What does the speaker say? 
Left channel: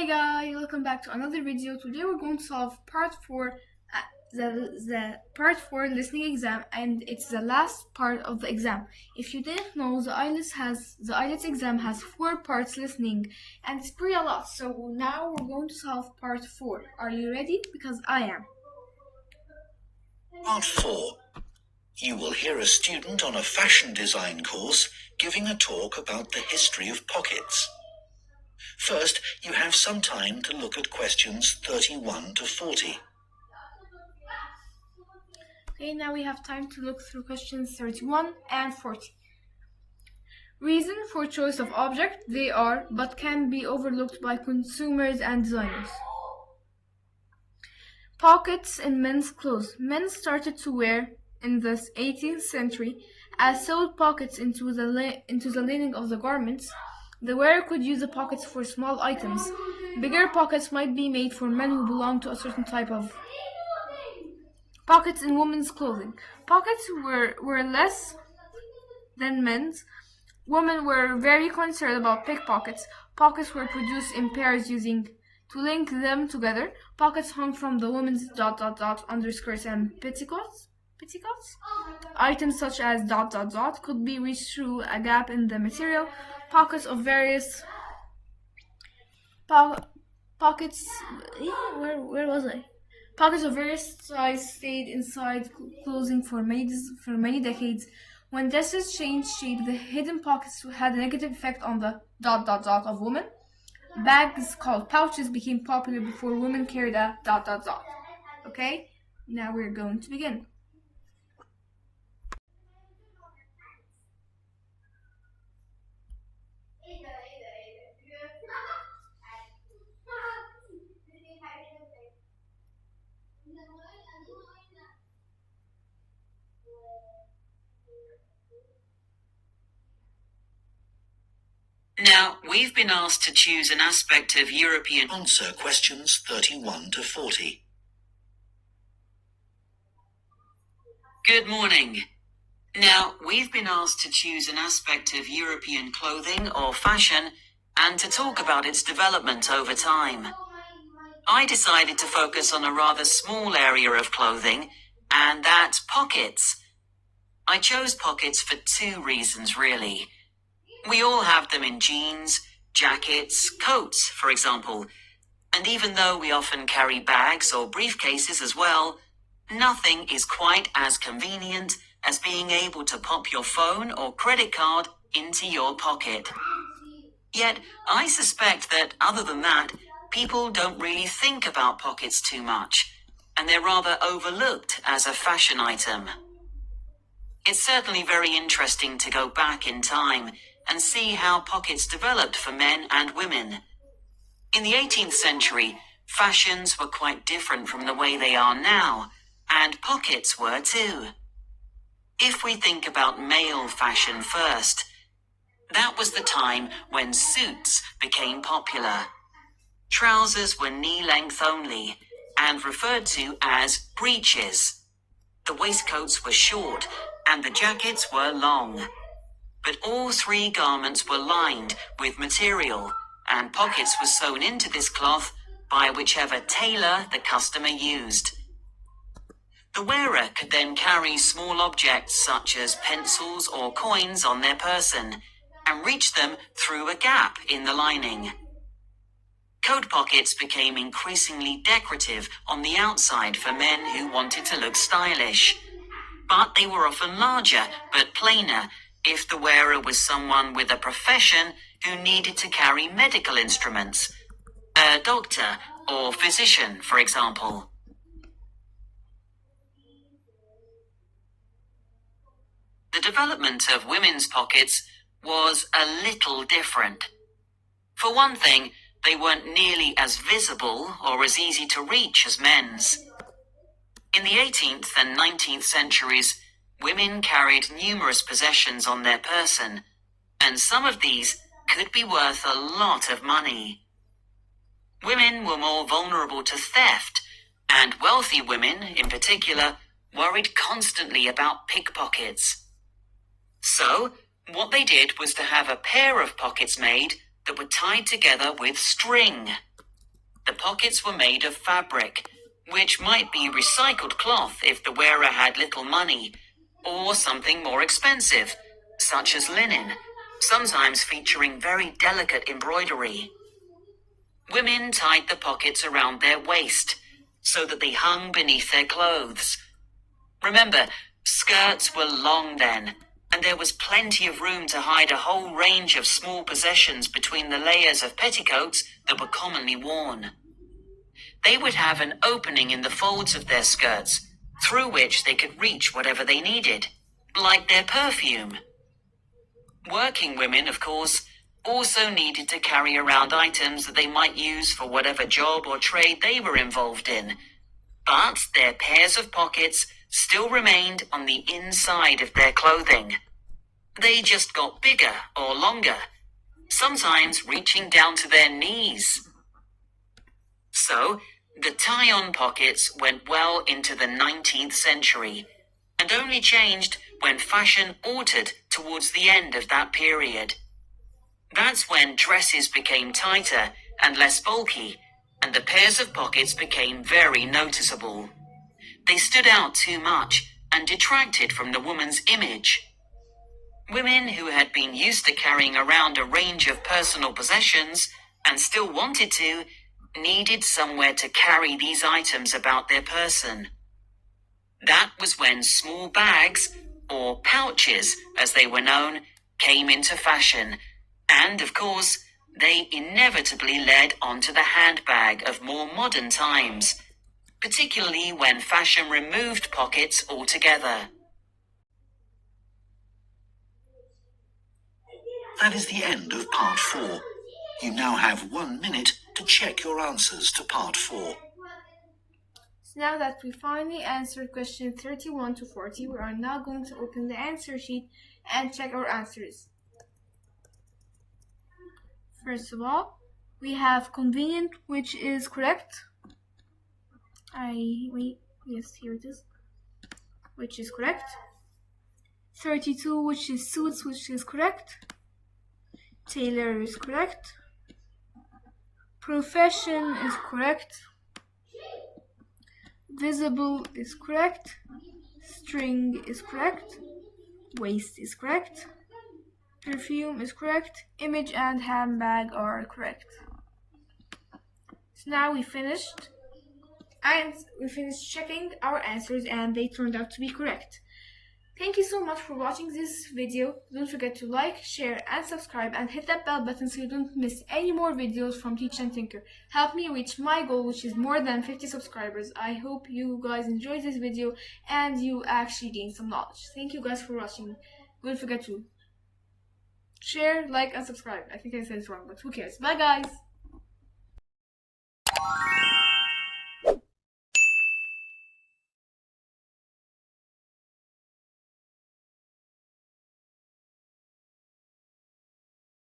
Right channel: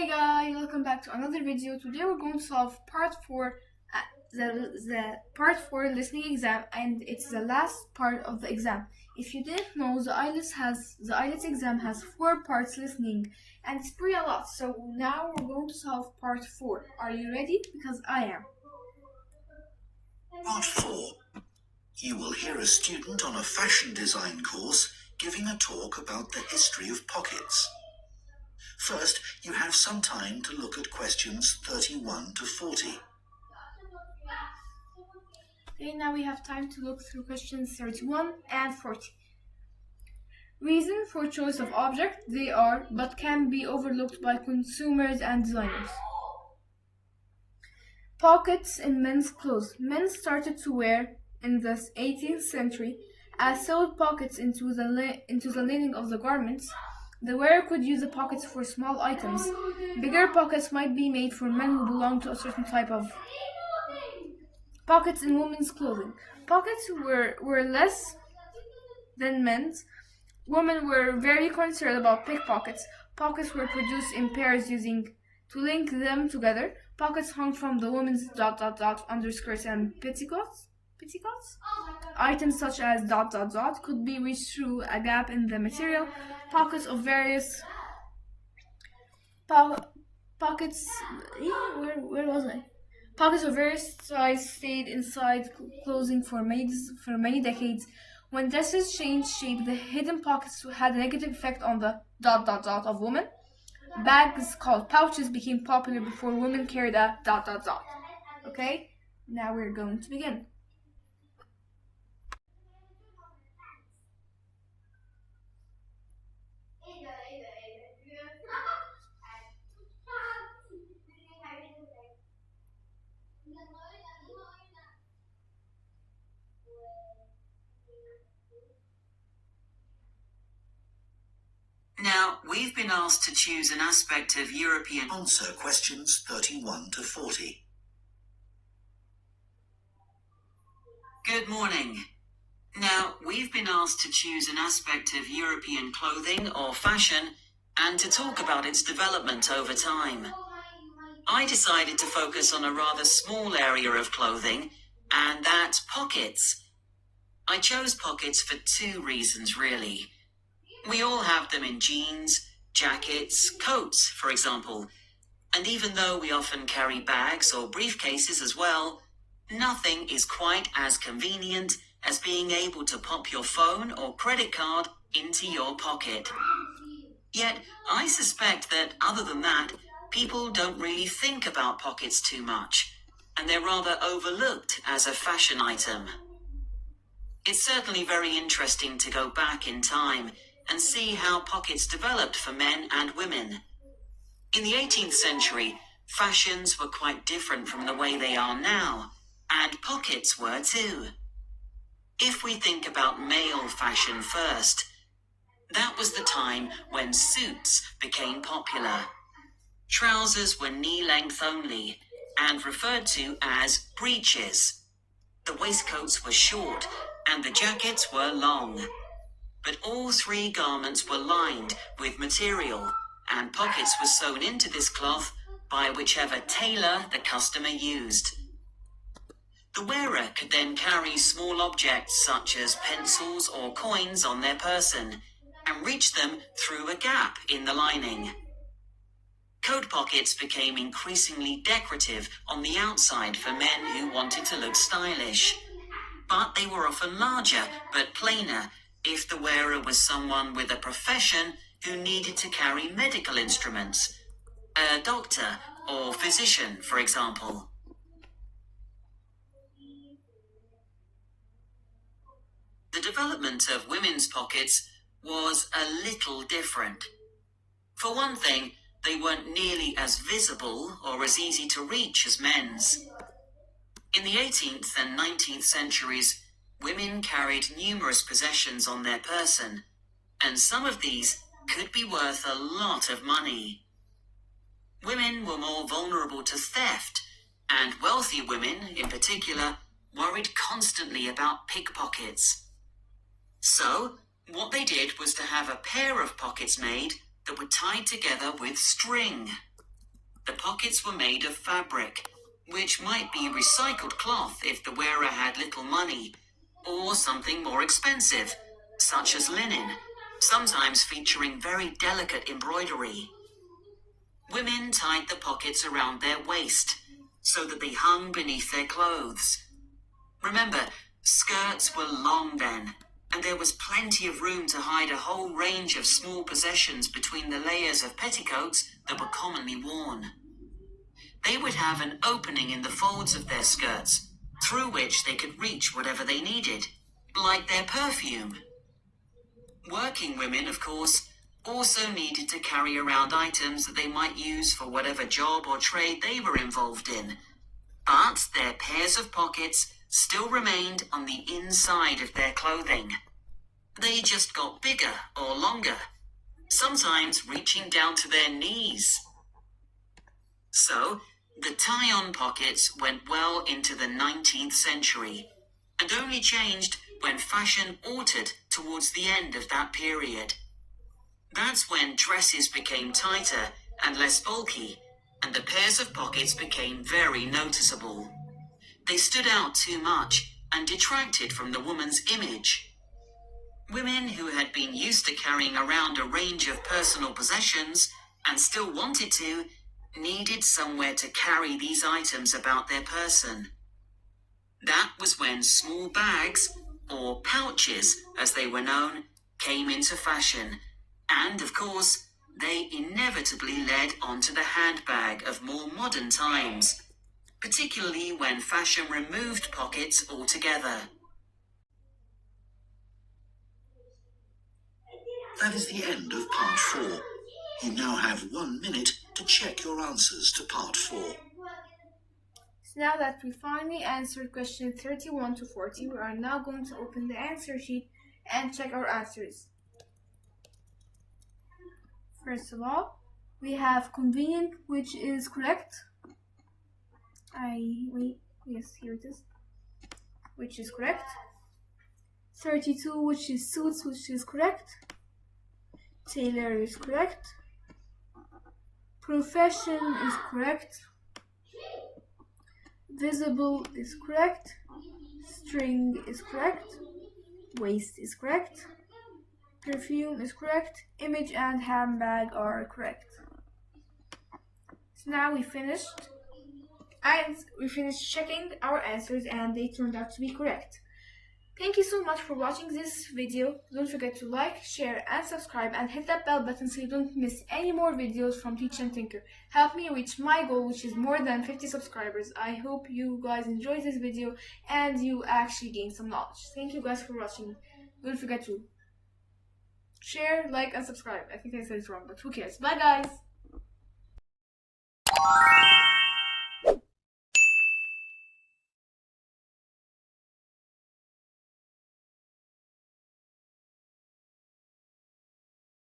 Hey guys, welcome back to another video. Today we're going to solve part 4, the part 4 listening exam, and it's the last part of the exam. If you didn't know, the ILETS exam has 4 parts listening, and it's pretty a lot. So now we're going to solve part 4. Are you ready? Because I am. Part 4. You will hear a student on a fashion design course giving a talk about the history of pockets. First, you have some time to look at questions 31 to 40. Okay, now we have time to look through questions 31 and 40. Reason for choice of object: they are, but can be overlooked by consumers and designers. Pockets in men's clothes. Men started to wear in the 18th century as sewed pockets into the lining of the garments. The wearer could use the pockets for small items. Bigger pockets might be made for men who belong to a certain type of. Pockets in women's clothing. Pockets were less than men's. Women were very concerned about pickpockets. Pockets were produced in pairs to link them together. Pockets hung from the women's underskirts and petticoats. Items such as could be reached through a gap in the material. Pockets of various pockets. Where was I? Pockets of various size stayed inside clothing for many decades. When dresses changed shape, the hidden pockets had a negative effect on the of women. Bags called pouches became popular before women carried a Okay, now we're going to begin. Now, we've been asked to choose an aspect of European. Answer questions 31 to 40. Good morning. Now, we've been asked to choose an aspect of European clothing or fashion and to talk about its development over time. I decided to focus on a rather small area of clothing, and that's pockets. I chose pockets for 2 reasons, really. We all have them in jeans, jackets, coats, for example. And even though we often carry bags or briefcases as well, nothing is quite as convenient as being able to pop your phone or credit card into your pocket. Yet, I suspect that other than that, people don't really think about pockets too much, and they're rather overlooked as a fashion item. It's certainly very interesting to go back in time and see how pockets developed for men and women. In the 18th century, fashions were quite different from the way they are now, and pockets were too. If we think about male fashion first, that was the time when suits became popular. Trousers were knee-length only and referred to as breeches. The waistcoats were short and the jackets were long. But all 3 garments were lined with material, and pockets were sewn into this cloth by whichever tailor the customer used. The wearer could then carry small objects such as pencils or coins on their person and reach them through a gap in the lining. Coat pockets became increasingly decorative on the outside for men who wanted to look stylish, but they were often larger but plainer if the wearer was someone with a profession who needed to carry medical instruments, a doctor or physician, for example. The development of women's pockets was a little different. For one thing, they weren't nearly as visible or as easy to reach as men's. In the 18th and 19th centuries, women carried numerous possessions on their person, and some of these could be worth a lot of money. Women were more vulnerable to theft, and wealthy women, in particular, worried constantly about pickpockets. So, what they did was to have a pair of pockets made that were tied together with string. The pockets were made of fabric, which might be recycled cloth if the wearer had little money, or something more expensive, such as linen, sometimes featuring very delicate embroidery. Women tied the pockets around their waist, so that they hung beneath their clothes. Remember, skirts were long then, and there was plenty of room to hide a whole range of small possessions between the layers of petticoats that were commonly worn. They would have an opening in the folds of their skirts, through which they could reach whatever they needed, like their perfume. Working women, of course, also needed to carry around items that they might use for whatever job or trade they were involved in, but their pairs of pockets still remained on the inside of their clothing. They just got bigger or longer, sometimes reaching down to their knees. So, the tie-on pockets went well into the 19th century, and only changed when fashion altered towards the end of that period. That's when dresses became tighter and less bulky, and the pairs of pockets became very noticeable. They stood out too much and detracted from the woman's image. Women who had been used to carrying around a range of personal possessions and still wanted to, needed somewhere to carry these items about their person. That was when small bags, or pouches as they were known, came into fashion, and of course, they inevitably led onto the handbag of more modern times, particularly when fashion removed pockets altogether. That is the end of part 4. You now have 1 minute to check your answers to part 4. So now that we finally answered question 31 to 40, we are now going to open the answer sheet and check our answers. First of all, we have convenient, which is correct. Yes, here it is, which is correct. 32, which is suits, which is correct. Tailor is correct. Profession is correct. Visible is correct. String is correct. Waist is correct. Perfume is correct. Image and handbag are correct. So now we finished checking our answers, and they turned out to be correct. Thank you so much for watching this video. Don't forget to like, share, and subscribe, and hit that bell button so you don't miss any more videos from Teach and Tinker. Help me reach my goal, which is more than 50 subscribers. I hope you guys enjoyed this video and you actually gained some knowledge. Thank you guys for watching. Don't forget to share, like, and subscribe. I think I said it wrong, but who cares? Bye guys!